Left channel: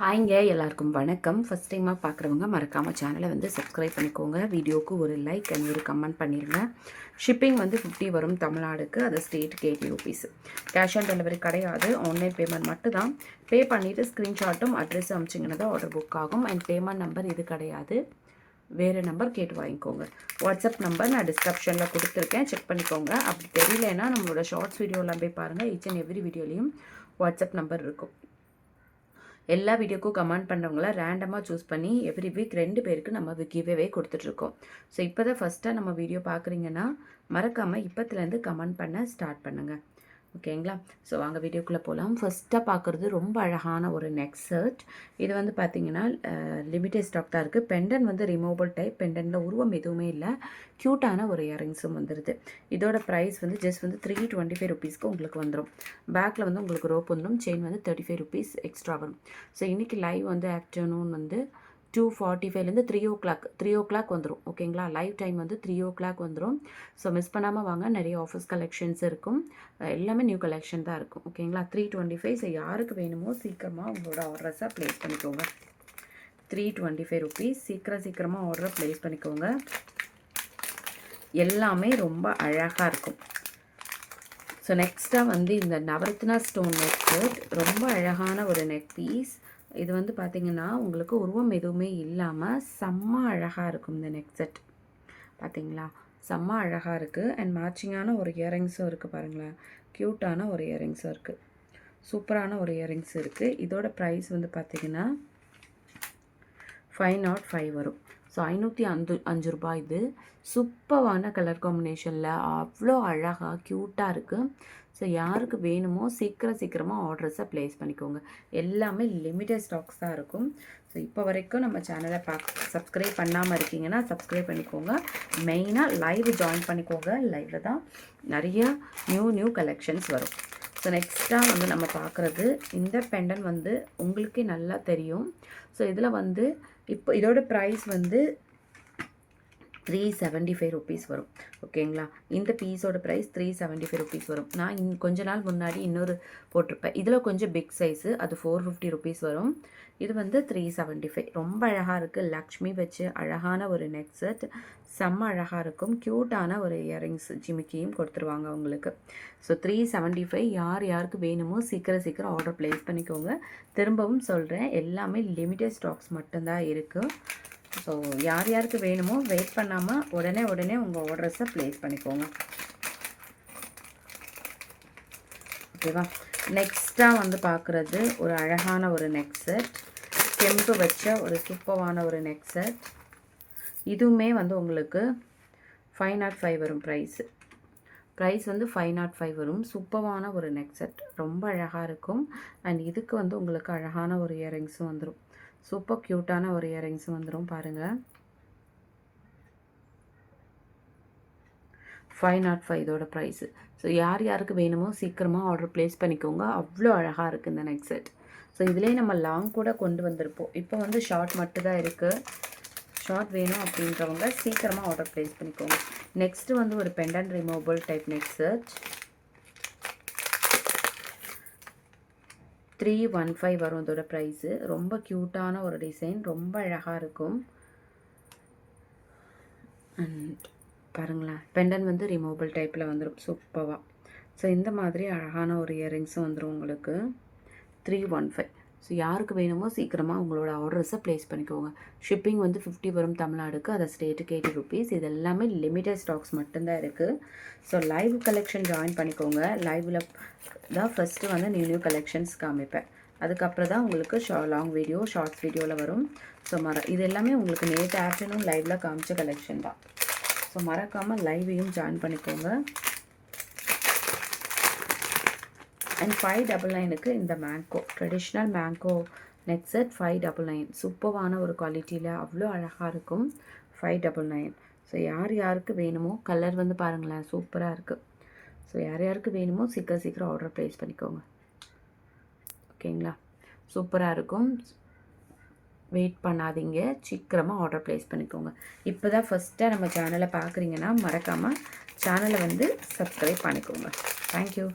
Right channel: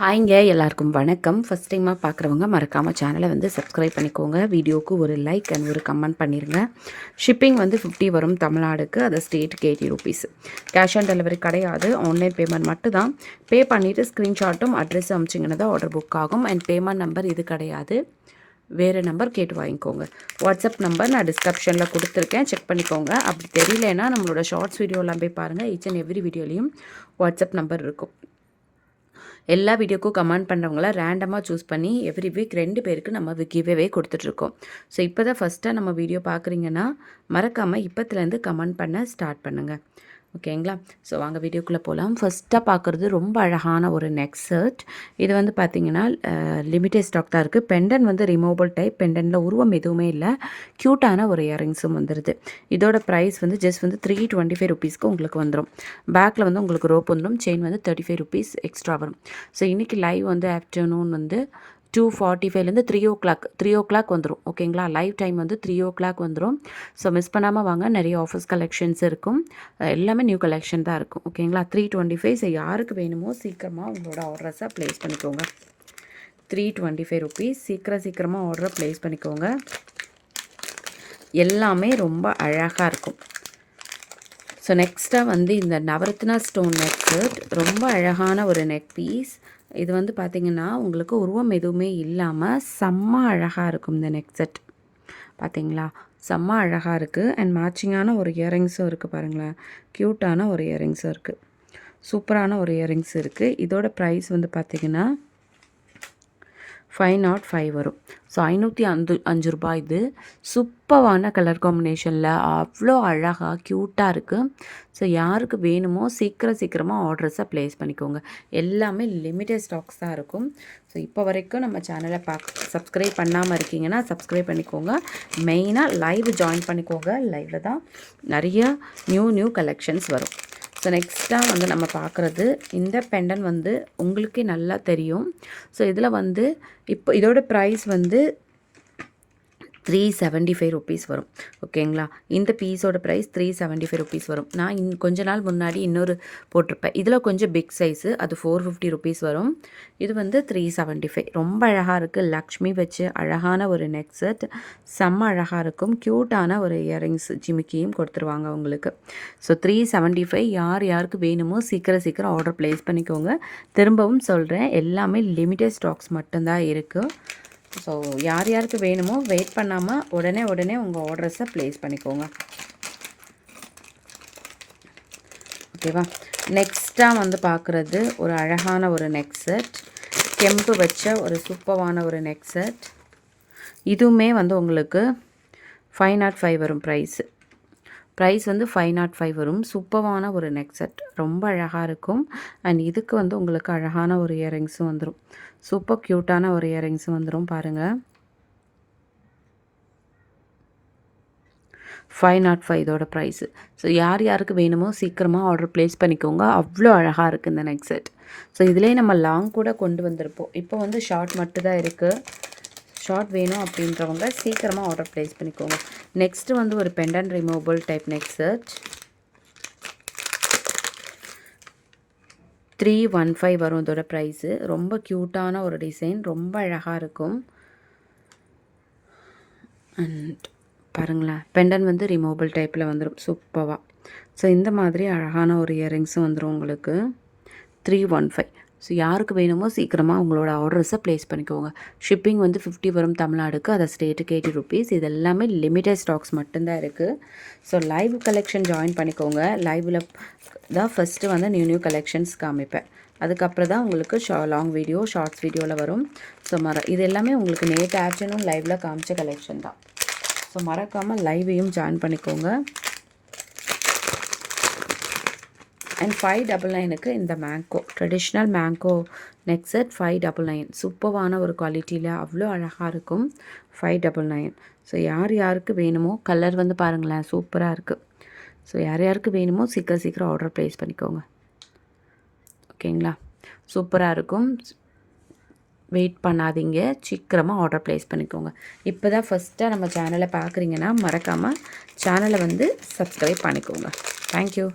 ஹாய்ங்க, எல்லாருக்கும் வணக்கம். ஃபஸ்ட் டைமாக பார்க்குறவங்க மறக்காமல் சேனலை வந்து சப்ஸ்கிரைப் பண்ணிக்கோங்க. வீடியோவுக்கு ஒரு லைக் அண்ட் ஒரு கமெண்ட் பண்ணிடுங்க. ஷிப்பிங் வந்து 50 வரும் தமிழ்நாடுக்கு. அது ஸ்டேட்டுக்கு 80 ருபீஸ். கேஷ் ஆன் டெலிவரி கிடையாது, ஆன்லைன் பேமெண்ட் மட்டும் தான். பே பண்ணிவிட்டு ஸ்க்ரீன்ஷாட்டும் அட்ரஸ் அனுப்பிச்சிங்கன்னா தான் ஆர்டர் புக் ஆகும். அண்ட் பேமெண்ட் நம்பர் இது கிடையாது, வேறு நம்பர் கேட்டு வாங்கிக்கோங்க. வாட்ஸ்அப் நம்பர் நான் டிஸ்கிரிப்ஷனில் கொடுத்துருக்கேன், செக் பண்ணிக்கோங்க. அப்படி தெரியலனா நம்மளோட ஷார்ட்ஸ் வீடியோலாம் போய் பாருங்கள். ஈச் அண்ட் எவ்ரி வீடியோலையும் வாட்ஸ்அப் நம்பர் இருக்கும். எல்லா வீடியோக்கும் கமெண்ட் பண்ணுறவங்கள ரேண்டமாக சூஸ் பண்ணி எவ்ரி வீக் 2 பேருக்கு நம்ம கிவ்அவே கொடுத்துட்ருக்கோம். ஸோ இப்போ தான் ஃபஸ்ட்டாக நம்ம வீடியோ பார்க்குறீங்கன்னா மறக்காமல் இப்போத்துலேருந்து கமெண்ட் பண்ண ஸ்டார்ட் பண்ணுங்கள். ஓகேங்களா? ஸோ வாங்க வீடியோக்குள்ளே போகலாம். ஃபஸ்ட்டாக பார்க்குறது ரொம்ப அழகான ஒரு நெக் செட். இது வந்து பார்த்திங்கன்னா லிமிட்டட் ஸ்டாக் தான் இருக்குது. பெண்டன் வந்து ரிமூவபிள் டைப். பெண்டனில் உருவம் எதுவுமே இல்லை, க்யூட்டான ஒரு இயரிங்ஸும் வந்துடுது. இதோட ப்ரைஸ் வந்து ஜஸ்ட் வந்து 325 ருபீஸ்க்கு உங்களுக்கு வந்துடும். பேக்கில் வந்து உங்களுக்கு ரோப் வந்துடும். செயின் வந்து 35 ருபீஸ் எக்ஸ்ட்ரா வரும். ஸோ இன்றைக்கி லைவ் வந்து ஆஃப்டர்நூன் வந்து 2:45லேருந்து 3 o'clock வந்துடும். ஓகேங்களா? லைவ் டைம் வந்து 3 o'clock வந்துடும். ஸோ மிஸ் பண்ணாமல் வாங்க, நிறைய ஆஃபர்ஸ் கலெக்ஷன்ஸ் இருக்கும். எல்லாமே நியூ கலெக்ஷன் தான் இருக்கும். ஓகேங்களா? 325. ஸோ யாருக்கு வேணுமோ சீக்கிரமாக உங்களோட ஆர்டர்ஸை ப்ளேஸ் பண்ணிக்கோங்க. 325 ருபீஸ். சீக்கிரமாக ஆர்டரை ப்ளேஸ் பண்ணிக்கோங்க. எல்லாமே ரொம்ப அழகாக இருக்கும். ஸோ நெக்ஸ்ட்டாக வந்து இந்த நவரத்னா ஸ்டோன் நெக் செட். ரொம்ப அழகான ஒரு நெக் பீஸ். இது வந்து பார்த்திங்கன்னா உங்களுக்கு உருவம் எதுவுமே இல்லாமல் செம்ம அழகாக இருக்கும் இந்த நெக் செட். பார்த்திங்களா? செம்ம அழகாக இருக்குது. அண்ட் மேட்சிங்கான ஒரு இயரிங்ஸும் இருக்குது பாருங்களேன். க்யூட்டான ஒரு இயரிங்ஸும் இருக்குது. சூப்பரான ஒரு இயரிங்ஸ் இருக்குது. இதோட ப்ரைஸ் வந்து பார்த்திங்கன்னா 505 வரும். ஸோ 505 ரூபாய். இது சூப்பரான கலர் காம்பினேஷனில் அவ்வளோ அழகாக க்யூட்டாக இருக்குது. ஸோ யாருக்கு வேணுமோ சீக்கிரமாக ஆர்டர்ஸை ப்ளேஸ் பண்ணிக்கோங்க. எல்லாமே லிமிட்டட் ஸ்டாக்ஸ் தான் இருக்கும். ஸோ இப்போ வரைக்கும் நம்ம சேனலை சப்ஸ்கிரைப் பண்ணாமல் இருக்கீங்கன்னா சப்ஸ்கிரைப் பண்ணிக்கோங்க. மெயினாக லைவ் ஜாயின் பண்ணிக்கோங்க. லைவில் தான் நிறைய நியூ கலெக்ஷன்ஸ் வரும். ஸோ நெக்ஸ்ட்டாக வந்து நம்ம பார்க்குறது இந்த பெண்டன் வந்து உங்களுக்கே நல்லா தெரியும். ஸோ இதில் வந்து இப்போ இதோட ப்ரைஸ் வந்து 375 ருபீஸ் வரும். ஓகேங்களா? இந்த பீஸோட ப்ரைஸ் 375 ருபீஸ் வரும். நான் கொஞ்ச நாள் முன்னாடி இன்னொரு போட்டிருப்பேன். இதில் கொஞ்சம் பிக் சைஸு, அது 450 ருபீஸ் வரும். இது வந்து 375. ரொம்ப அழகாக இருக்குது. லக்ஷ்மி வச்சு அழகான ஒரு நெக் செட். செம்ம அழகாக இருக்கும். க்யூட்டான ஒரு இயரிங்ஸ் ஜிமிக்கியும் கொடுத்துருவாங்க உங்களுக்கு. ஸோ 375. யாருக்கு வேணுமோ சீக்கிரம் ஆர்டர் ப்ளேஸ் பண்ணிக்கோங்க. திரும்பவும் சொல்கிறேன், எல்லாமே லிமிட்டட் ஸ்டாக்ஸ் மட்டும்தான் இருக்குது. ஸோ யாருக்கு வேணுமோ வெயிட் பண்ணாமல் உடனே உங்கள் ஆர்டர்ஸை ப்ளேஸ் பண்ணிக்கோங்க. ஓகேவா? நெக்ஸ்ட்டாக வந்து பார்க்குறது ஒரு அழகான ஒரு நெக் செட். கெம்பு வச்ச ஒரு சூப்பரான ஒரு நெக் செட். இதுவுமே வந்து உங்களுக்கு 505 வரும். ப்ரைஸ் வந்து 505 வரும். சூப்பரான ஒரு நெக் செட். ரொம்ப அழகாக இருக்கும். அண்ட் இதுக்கு வந்து உங்களுக்கு அழகான ஒரு இயரிங்ஸும் வந்துடும். சூப்பர் க்யூட்டான ஒரு இயரிங்ஸும் வந்துடும் பாருங்கள். 505 இதோட ப்ரைஸு. ஸோ யாருக்கு வேணுமோ சீக்கிரமாக ஆர்டர் ப்ளேஸ் பண்ணிக்கோங்க. அவ்வளோ அழகாக இருக்குது இந்த நெக் செட். ஸோ இதிலே நம்ம லாங் கூட கொண்டு வந்திருப்போம். இப்போ வந்து ஷார்ட் மட்டும் தான் இருக்குது. ஷார்ட் வேணும் அப்படின்றவங்க சீக்கிரமாக ஆர்டர் ப்ளேஸ் பண்ணிக்கோங்க. நெக்ஸ்ட்டு வந்து ஒரு pendant removable type neck set. 315 வரும் இதோட ப்ரைஸு. ரொம்ப க்யூட்டான ஒரு டிசைன். ரொம்ப அழகாக இருக்கும். அண்ட் பாருங்களேன், பெண்டன் வந்து ரிமூவபிள் டைப்பில் வந்துடும் சூப்பராக. ஸோ இந்த மாதிரி அழகான ஒரு இயரிங்ஸும் வந்துடும் உங்களுக்கு. 315. ஸோ யாருக்கு வேணுமோ சீக்கிரமாக உங்களோட ஆர்டர்ஸை ப்ளேஸ் பண்ணிக்கோங்க. ஷிப்பிங் வந்து 50 வரும் தமிழ்நாடுக்கு. அதை ஸ்டேட்டுக்கு 80 ருபீஸ். இது எல்லாமே லிமிட்டட் ஸ்டாக்ஸ் மட்டும்தான் இருக்குது. ஸோ லைவ் கலெக்ஷன் ஜாயின் பண்ணிக்கோங்க. லைவில் தான் ஃபஸ்ட்டு வந்து நியூ கலெக்ஷன்ஸ் காமிப்பேன். அதுக்கப்புறம் தான் உங்களுக்கு லாங் வீடியோ, ஷார்ட்ஸ் வீடியோவில் வரும். ஸோ இது எல்லாமே உங்களுக்கு நேற்று ஆஃப்டர்நூன் லைவில் காமிச்ச கலெக்ஷன் தான். ஸோ மறக்காமல் லைவையும் ஜாயின் பண்ணிக்கோங்க. அண்ட் 599க்கு இந்த mango traditional mango neck set 599. சூப்பரான ஒரு குவாலிட்டியில் அவ்வளோ அழகாக இருக்கும். 599. ஸோ யாருக்கு வேணுமோ கலர் வந்து பாருங்களேன், சூப்பராக இருக்குது. ஸோ யாருக்கு வேணுமோ சீக்கிரம் ஆர்டர் ப்ளேஸ் பண்ணிக்கோங்க. ஓகேங்களா? சூப்பராக இருக்கும். வெயிட் பண்ணாதீங்க, சீக்கிரமாக ஆர்டர் ப்ளேஸ் பண்ணிக்கோங்க. இப்போ தான் ஃபஸ்ட்டாக நம்ம சேனலை பார்க்குறீங்கன்னா மறக்காமல் சேனலை வந்து சப்ஸ்கிரைப் பண்ணிக்கோங்க. தேங்க்யூ.